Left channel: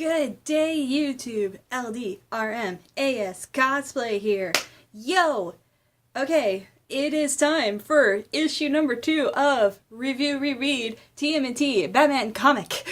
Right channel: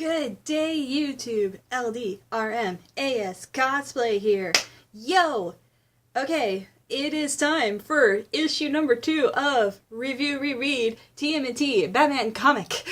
Good day, YouTube. LDRMAS Cosplay here. Yo! Okay, it is time for issue number 2 of ReRead TMNT Batman Comic.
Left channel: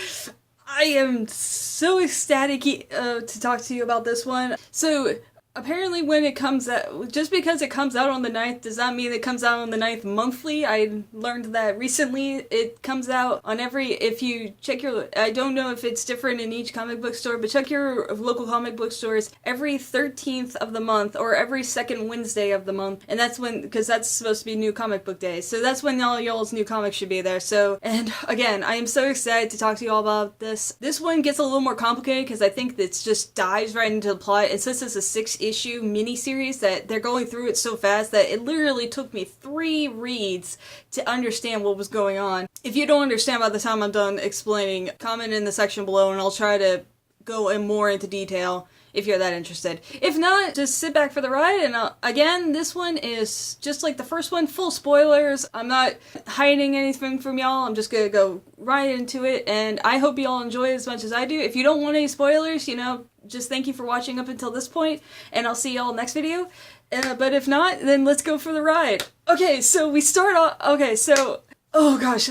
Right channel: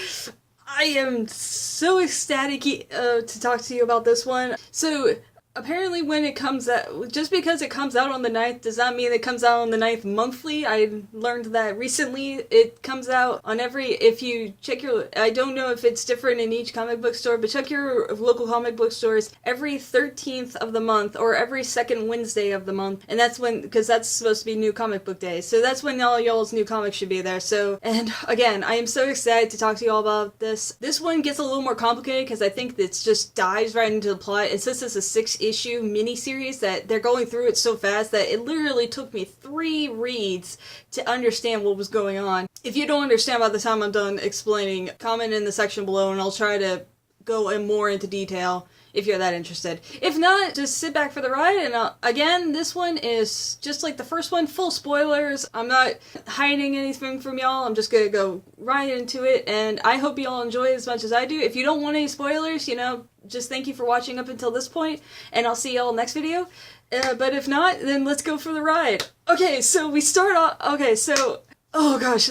I am so ecstatic to talk to you about this one. So, apparently when it comes out, just because it comes out on the 9th does not mean it comes out on the 9th monthly. I learned that recently. It comes out on if you check your, I don't know if it's different in each comic book store, but check your local comic book stores every 13th of the month or every second Wednesday of the month. And that's when, because that's supposed to be New Comic Book Day. So that's when all y'all's new comics should be there. So, and again, I am so excited to talk to you all about this. This one gets a little more complicated because I think it just dives right into the plot. And since it's a 6-issue miniseries that they're going through it so fast that it literally took me 3 reads to understand what was going on. If you don't understand by the time I'm done explaining, comment in the section below and I'll try to go more into detail if you're that interested. If not, just sit back for the ride. And again, this one is just like the first one, full spoilers. I'm not hiding anything from y'all. I'm just gonna go right into it, and I hope y'all enjoy it as much as I do. If you don't want any spoilers, you know, just thank you for watching up until this point, and I'll see y'all next video. But if not, then let's go for the ride. Okay, so we start off. Okay, so oh gosh,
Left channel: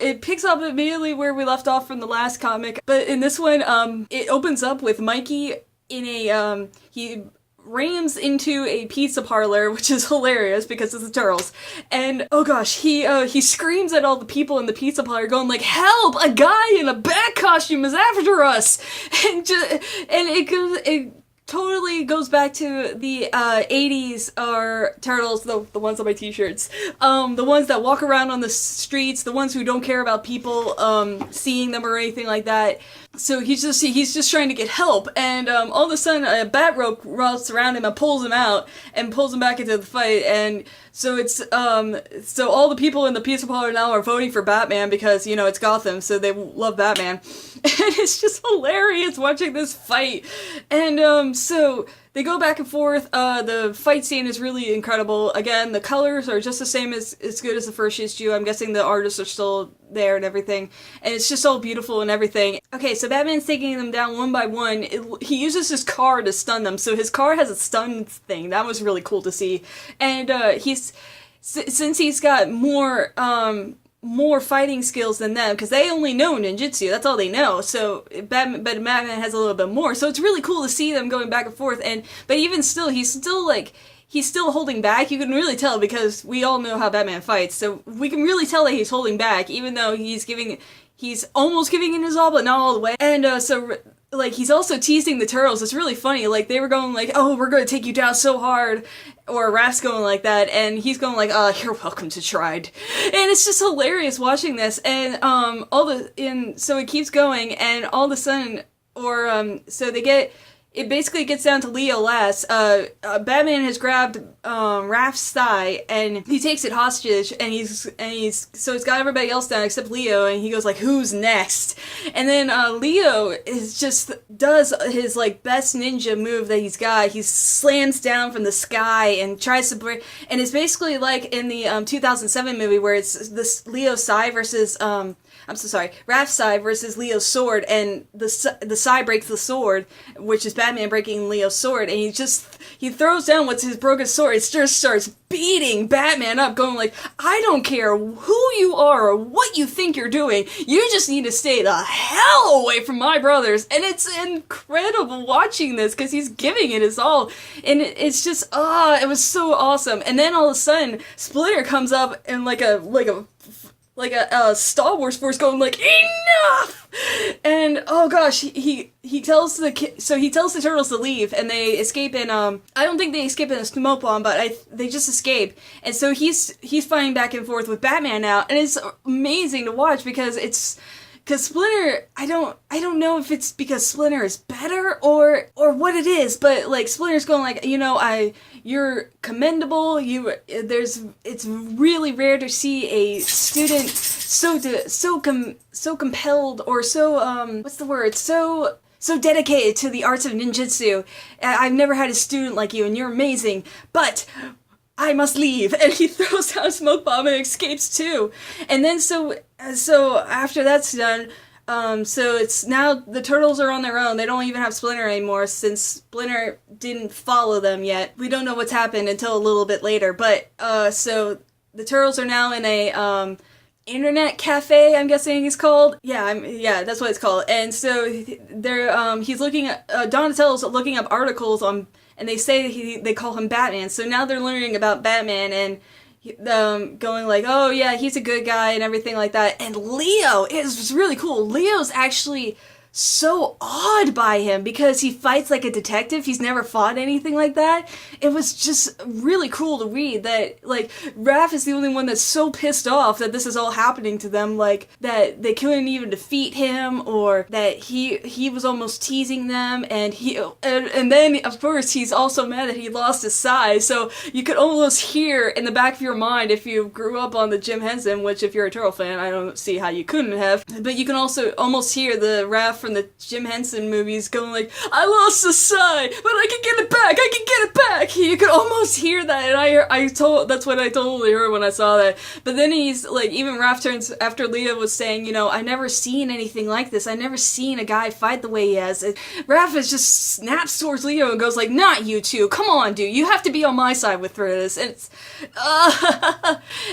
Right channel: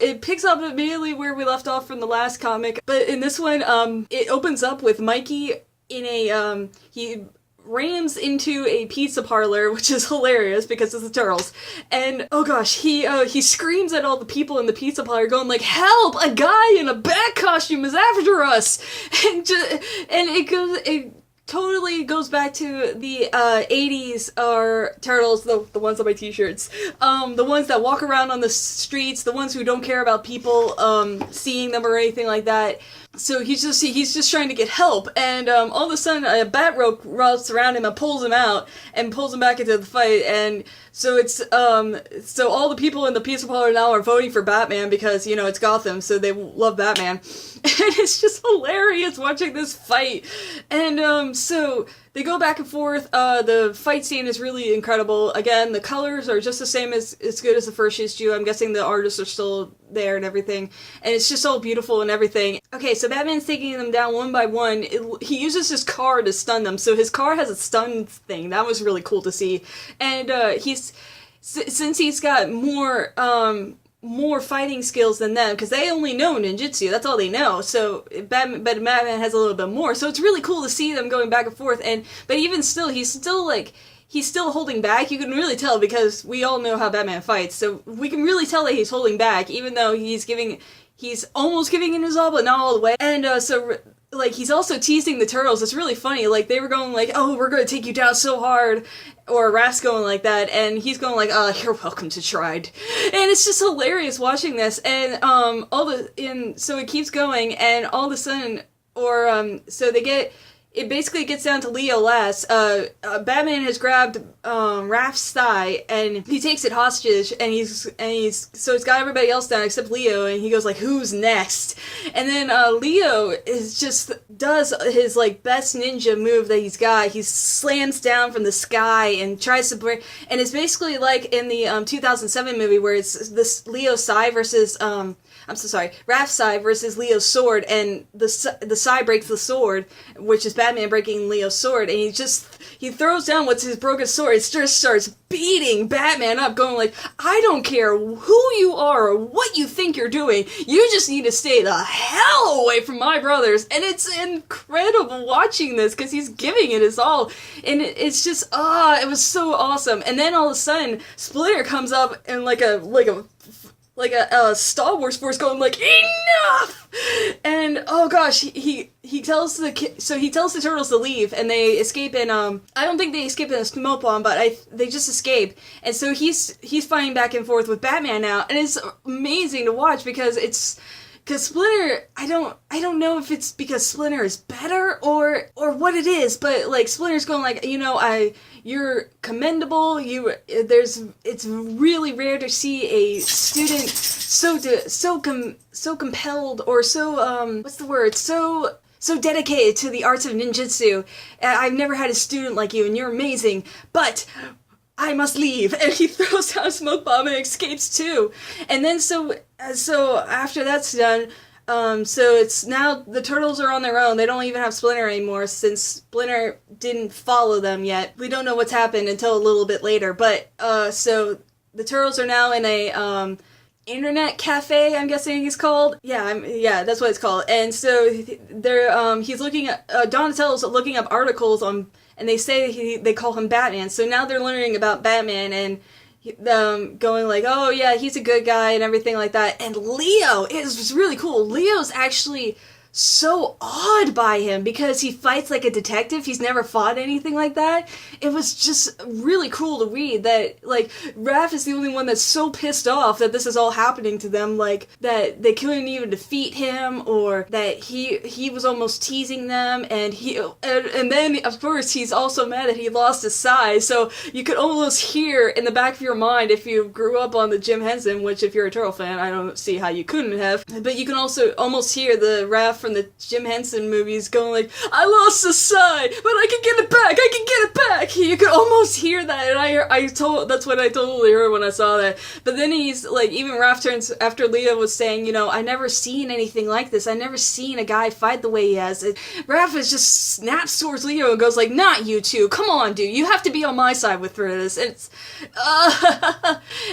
it picks up immediately where we left off from the last comic, but in this one, it opens up with Mikey in a, he rams into a pizza parlor, which is hilarious because it's the Turtles, and oh gosh, he screams at all the people in the pizza parlor going like, "Help! A guy in a bat costume is after us!" And it totally goes back to the 80s Turtles, the ones on my t-shirts. The ones that walk around on the streets, the ones who don't care about people seeing them or anything like that. So he's just trying to get help, and all of a sudden a bat rope wraps around him and pulls him out and pulls him back into the fight. And so it's so all the people in the pizza parlor now are voting for Batman because, you know, it's Gotham, so they love Batman. And it's just hilarious watching this fight. And so they go back and forth. The fight scene is really incredible. Again, the colors are just the same as good as the first issue. I'm guessing the artists are still there and everything. And it's just all beautiful and everything. Okay, so Batman's taking them down one by one. He uses his car to stun them. So his car has a stun thing. That was really cool to see. And since he's got more fighting skills than them, because they only know ninjutsu, that's all they know, so Batman has a little bit more, so it's really cool to see them going back and forth. But even still, he's still holding back. You can really tell because we all know how Batman fights, so we can really tell that he's holding back, even though he's almost giving it his all, but not all the way. And so like, he's also teasing the Turtles. It's really funny. Like, they were going like, "Oh, we're going to take you down so hard," or Raph's going like that, and he's going like, "You're welcome to tried." And it's just hilarious watching this. And so it keeps going, and all of a sudden, so it basically gets down to Leo last. Batman has grabbed Raph's thigh and he takes it hostage, and so he's got everybody else down except Leo, and he goes like, "Who's next?" And then Leo does his like best ninja move that he's got. He slams down from the sky and tries to break, and it's basically like in the 2007 movie where it's this Leo Sai versus I'm so sorry, Raph's Sai versus Leo's sword, and the Sai breaks the sword, which is Batman breaking Leo's sword, and he throws down what's his broken sword. It just starts beating Batman up, going like, "I don't care who you are or what you think you're doing, you just need to stay the hell away from my brothers." And it's incredible watching this, because he's giving it his all, and it's just, it was so awesome. And then all of a sudden, Splinter comes up and like a Star Wars force going like, "Enough!" And oh gosh, he tells the Turtles to leave, and they escape in I don't think they escape in a smoke bomb, but they just escape. And so he's fighting back and forth with Batman now, and it's amazing to watch because Splinter, I don't know if it's because Splinter is better or what it is, but like Splinter's going like, you know, you're commendable. It's really rare to see a student so compelled, or so what's the word? So dedicated to the arts of ninjutsu. I've never had a student like you, and you're amazing. But I must leave. And he throws down a smoke bomb and escapes too. And then so after that's done, So it's now the turtles are on their own. They don't even have Splinter anymore since Splinter didn't follow them yet. We don't know what's happened until a little bit later. But so the turtles are now in a internet cafe, I'm guessing it's called. Yeah, that's what it's called. And so they're he's looking at Donatello's looking up articles on, and they say they call him Batman. So now they're learning about Batman and going like, oh yeah, he's a good guy and everything like that. And Leo is really cool. Leo's actually so awed by him because he fights like a detective. He's never fought anything like that. It was just really cool to read that, like, Raph is the only one that's so pissed off that this is all happening to them, like, that they couldn't even defeat him, or that he was almost teasing them, and then, of course, he's also mad that he lost his size, so you could almost hear in the back of your mind, if you grew up on the Jim Henson, which if you're a Turtle fan, I don't see how you couldn't have, but you can also almost hear the Raph from the Jim Henson movies going like, I lost the side, but I can get it back, I can get it back. You could almost hear that, and that's what I totally heard when I saw that. But then he's like, even Raph turns after Leo was saying, you know, I never seen anything like this. I never seen a guy fight the way he has. And Raph is just snaps towards Leo and goes like, not you two, come on, dude, you have to be on my side with this. It's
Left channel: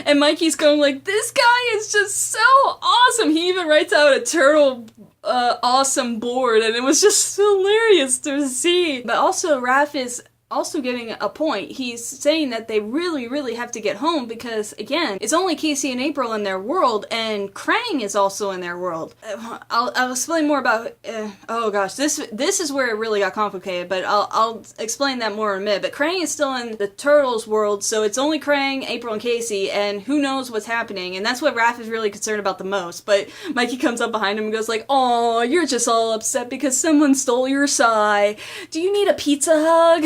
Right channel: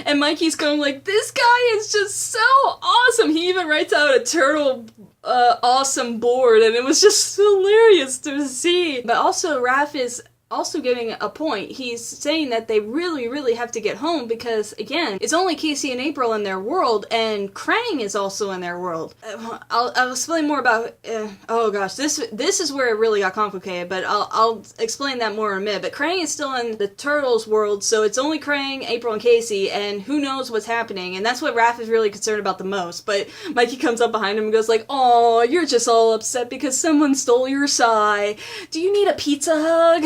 and Mikey's going like, this guy is just so awesome. He even writes out a turtle awesome board, and it was just hilarious to see. But also Raph is also giving a point. He's saying that they really, really have to get home because, again, it's only Casey and April in their world, and Krang is also in their world. I'll explain more about, oh gosh, this is where it really got complicated, but I'll explain that more in a minute. But Krang is still in the Turtles world, so it's only Krang, April, and Casey, and who knows what's happening, and that's what Raph is really concerned about the most. But Mikey comes up behind him and goes like, oh, you're just all upset because someone stole your sigh. Do you need a pizza hug?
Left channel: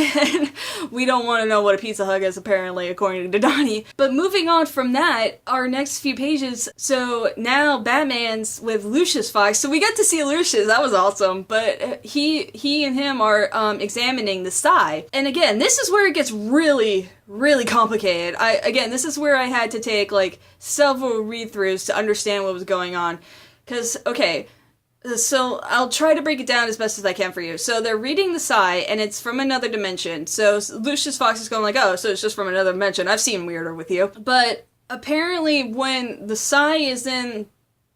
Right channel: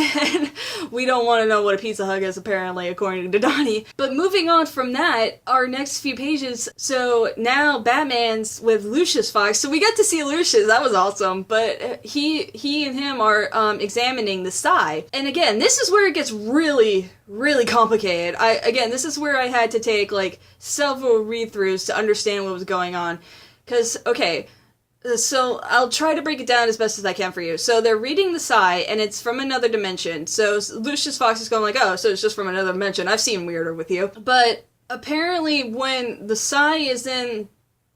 We don't want to know what a pizza hug is, apparently, according to Donnie. But moving on from that, our next few pages, so now Batman's with Lucius Fox, so we get to see Lucius, that was awesome, but he and him are examining the sigh. And again, this is where it gets really, really complicated. This is where I had to take, like, several read-throughs to understand what was going on. Because, okay, so I'll try to break it down as best as I can for you. So they're reading the sigh, and it's from another dimension. So Lucius Fox is going like, oh, so it's just from another dimension. I've seen weirder with you. But apparently when the sigh is in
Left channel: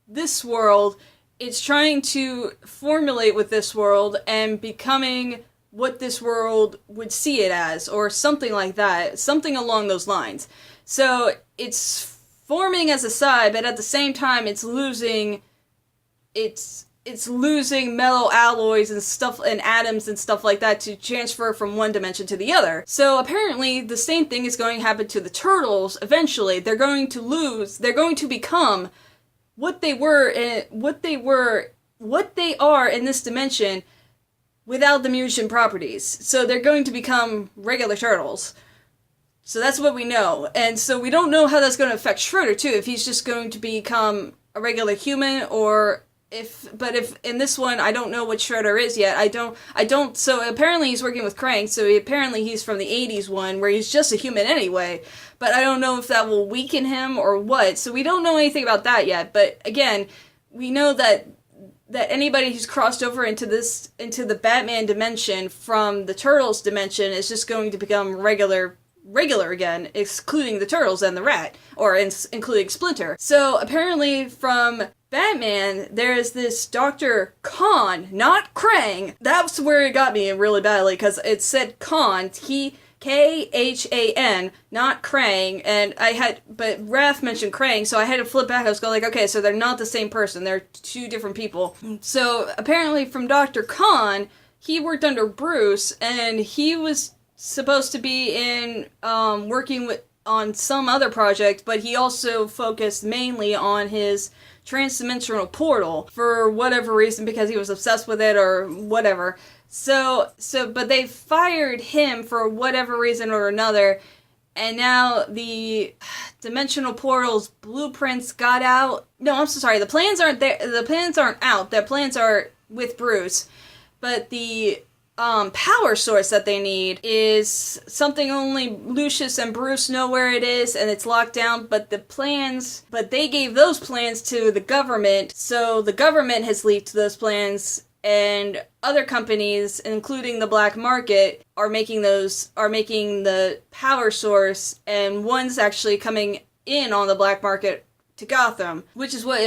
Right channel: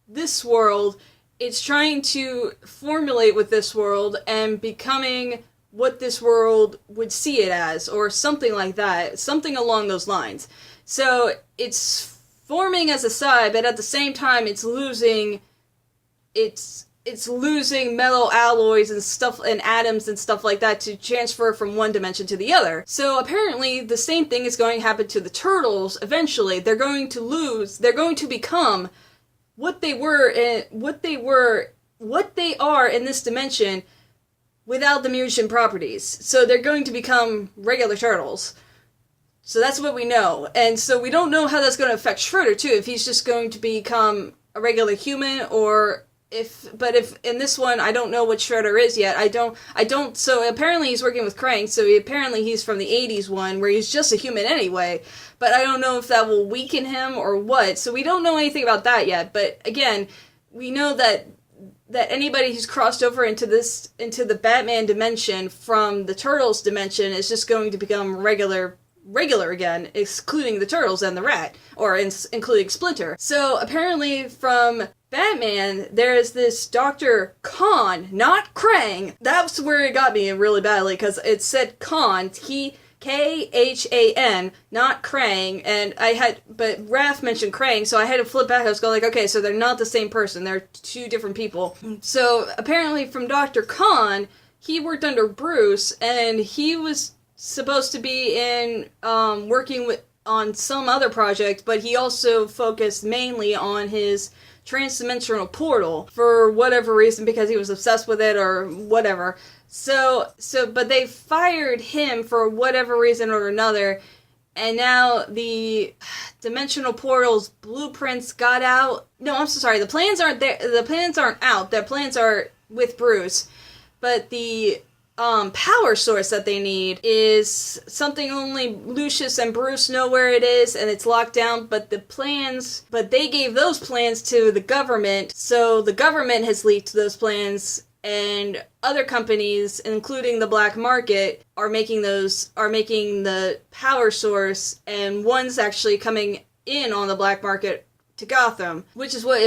this world, it's trying to formulate with this world and becoming what this world would see it as, or something like that. Something along those lines. So it's forming as a sigh, but at the same time it's losing metal alloys and stuff and atoms and stuff like that to transfer from one dimension to the other. So apparently the same thing is going to happen to the Turtles eventually. They're going to become what they are in this dimension without the mutant properties. So they're going to become regular Turtles. So that's what we know. And so we don't know how that's going to affect Schroeder too, if he's just going to become a regular human, or if in this one, I don't know what Shredder is yet. I don't, so apparently he's working with Krang, so he's from the 80s one, where he's just a human anyway, but I don't know if that will weaken him or what, so we don't know anything about that yet, but again, we know that anybody who's crossed over into the Batman dimension from the Turtles dimension is just going to become regular again, excluding the Turtles and the Rat, or including Splinter. So apparently from Batman, there's this Dr. Khan, not Krang. That's where it got me really badly, because it said Khan, Khan, not Krang, but Raph mentioned Krang, so I had to flip back. I was going like, okay, so they're not the same person, they're two different people. So apparently from Dr. Khan, he worked under Bruce, and he was supposed to be in working on some other project, but he also focused mainly on his transdimensional portal for whatever reason, because he was obsessed with it or whatever. But they fired him for whatever reason or another, and now the dimensional portal's blueprints got out. No, I'm so sorry. The plans aren't there. The plans aren't out. The plans are with Bruce, but the power source that they need is something only Lucius and Bruce know where it is, and it's locked down, but they gave those plans to the government, so the government has leaked those plans, and other companies, including the black market, are making the power source, and one's actually coming in on the black market to Gotham, which is what,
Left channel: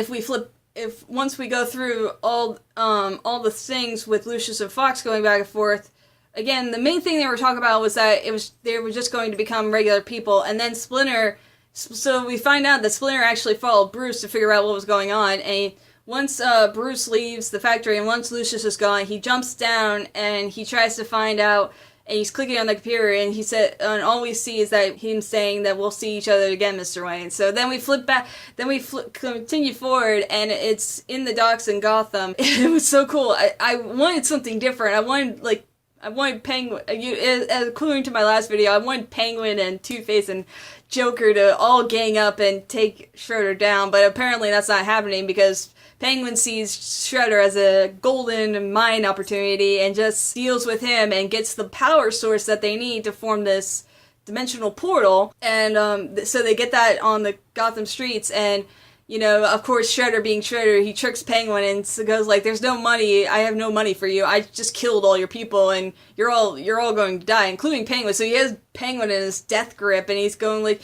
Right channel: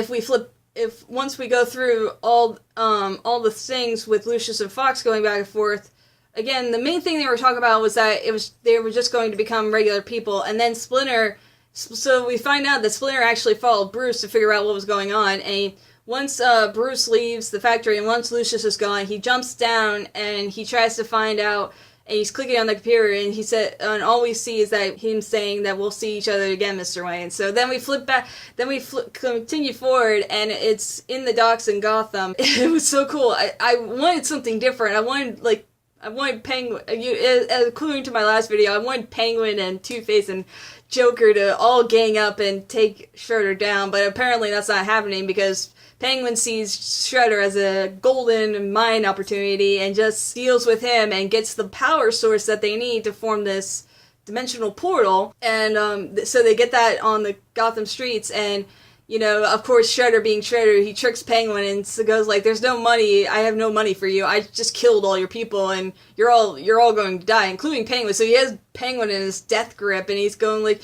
once we go through all the things with Lucius and Fox going back and forth, again, the main thing they were talking about was that they were just going to become regular people, and then Splinter, so we find out that Splinter actually followed Bruce to figure out what was going on, and once Bruce leaves the factory and once Lucius is gone, he jumps down and he tries to find out, and he's clicking on the computer, and he said, and all we see is that him saying that we'll see each other again, Mr. Wayne. So then we flip back, continue forward, and it's in the docks in Gotham. It was so cool. I wanted something different. I wanted Penguin, according to my last video, I wanted Penguin and Two-Face and Joker to all gang up and take Shredder down, but apparently that's not happening because Penguin sees Shredder as a golden mine opportunity and just deals with him and gets the power source that they need to form this dimensional portal. And so they get that on the Gotham streets, and you know, of course, Shredder being Shredder, he tricks Penguin and goes like, "There's no money. I have no money for you. I just killed all your people, and you're all going to die, including Penguin." So he has Penguin in his death grip, and he's going like,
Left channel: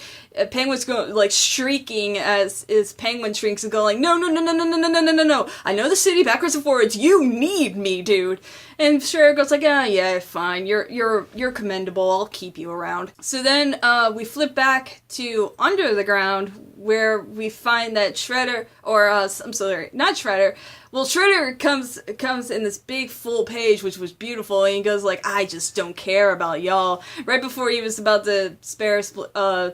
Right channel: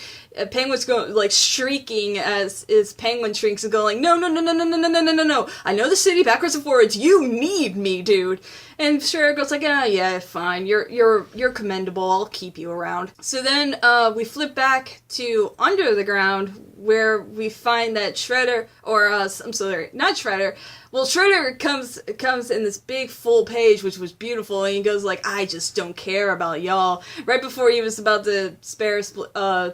Penguin's going like shrieking as Penguin shrinks and going like, "No, no, no, no, no, no, no, no, no, no, no! I know the city backwards and forwards. You need me, dude." And Shredder goes like, "Ah, yeah, fine. You're commendable. I'll keep you around." So then we flip back to Under the Ground, where we find that Shredder, or I'm sorry, not Shredder. Well, Shredder comes in this big full page, which was beautiful, and he goes like, "I just don't care about y'all," right before he was about to spare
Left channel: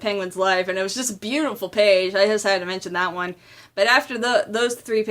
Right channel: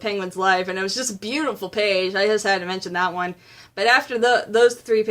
Penguin's life, and it was just a beautiful page. I just had to mention that one. But after those few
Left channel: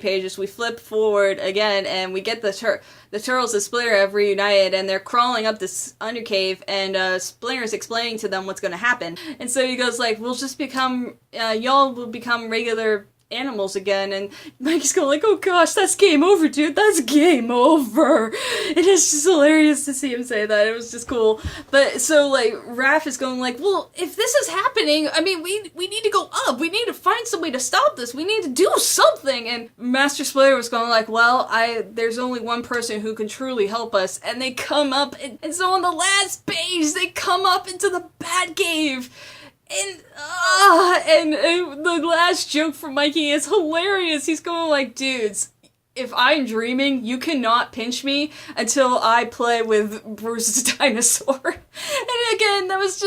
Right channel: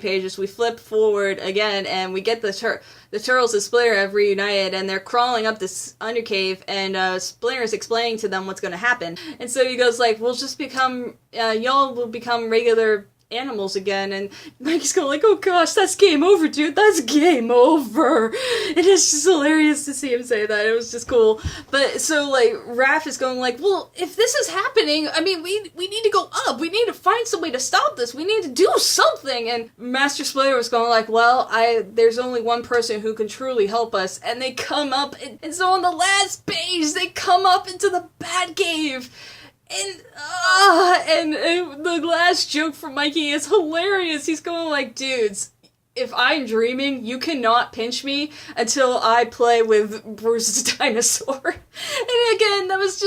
pages, we flip forward again, and we get the Turtles and Splinter have reunited, and they're crawling up this undercave, and Splinter's explaining to them what's going to happen. And so he goes like, y'all will become regular animals again, and Mike's going like, "Oh gosh, that's game over, dude, that's game over." It is just hilarious to see him say that. It was just cool. But so like Raph is going like, "Well, if this is happening, I mean, we need to go up, we need to find some way to stop this, we need to do something." And Master Splinter was going like, "Well, there's only one person who can truly help us," and they come up, and so on the last page they come up into the Batcave. And the last joke from Mikey is hilarious. He's going like, "Dudes, if I'm dreaming, you cannot pinch me until I play with Bruce's dinosaur." And again, that's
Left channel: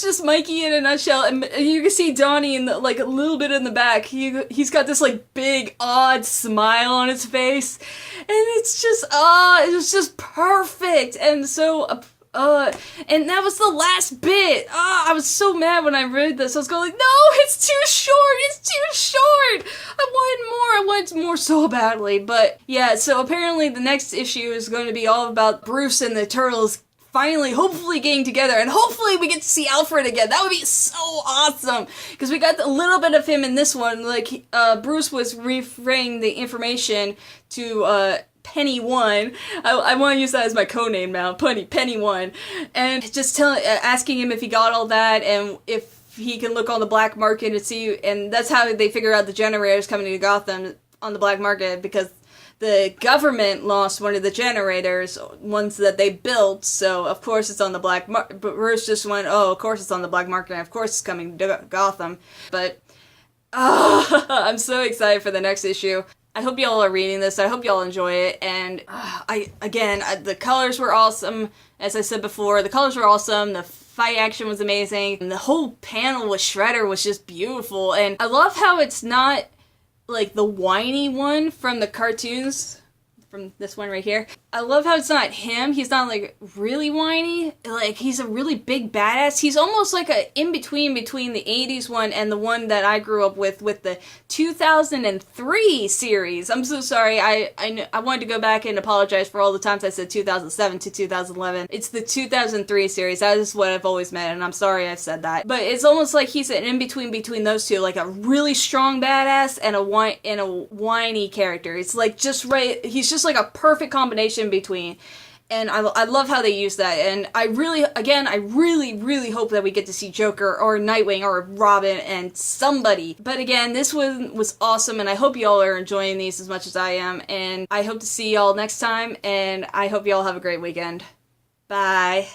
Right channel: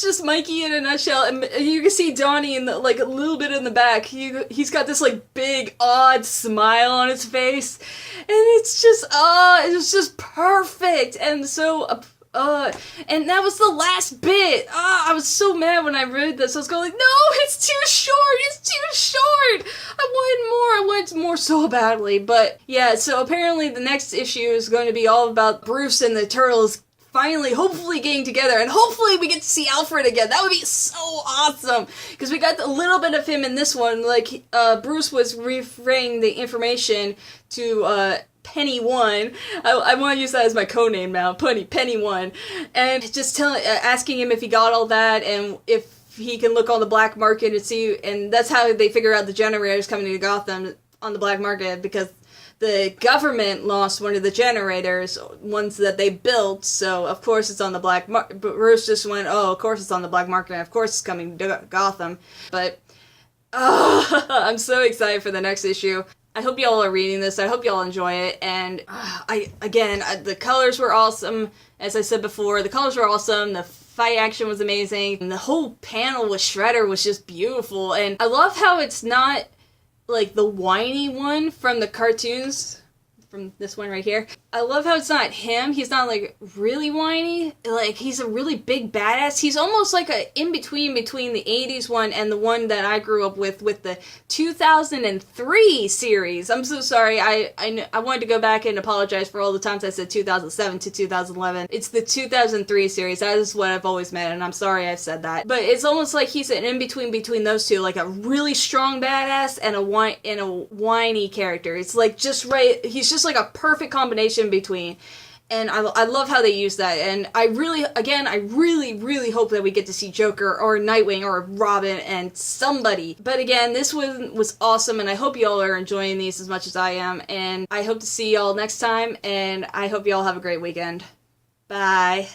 just Mikey in a nutshell. And you can see Donnie in the, like, a little bit in the back. He's got this like big odd smile on his face, and it's just perfect. And so and that was the last bit. I was so mad when I read this. I was going like, "No, it's too short. I wanted more so badly." But yeah, so apparently the next issue is going to be all about Bruce and the Turtles finally, hopefully getting together, and hopefully we get to see Alfred again. That would be so awesome, because we got a little bit of him in this one. Like, Bruce was referring the information to, Penny One. I want to use that as my codename now, Penny One, and just asking him if he got all that, and if he can look on the black market and see, and that's how they figure out the generators coming to Gotham on the black market, because the government lost one of the generators, ones that they built, so of course it's on the black market. But Bruce just went, "Oh, of course it's on the black market, and of course it's coming to Gotham." But I'm so excited for the next issue. I hope y'all are reading this. I hope y'all enjoy it. And the colors were awesome. As I said before, the colors were awesome. The fight action was amazing. And the whole panel with Shredder was just beautiful. And I love how it's not like the whiny one from the cartoons, from this one right here. I love how it's not him. He's not like really whiny. Like, he's a really big badass. He's almost like a in-between between the 80s one and the one that I grew up with the 2003 series. I'm so sorry. I wanted to go back and apologize for all the times I said 2007 to 2011. It's the 2003 series. That is what I've always meant, and I'm sorry I said that. But it's almost like he's an in-between between those two, like a really strong badass and a whiny character. It's like just right. He's just like a perfect combination between. And I love how they use that. And I really hope that we get to see Joker or Nightwing or Robin and somebody. But again, this one was awesome, and I hope y'all are enjoying these as much as I am. And I hope to see y'all next time, and I hope y'all have a great weekend. Bye.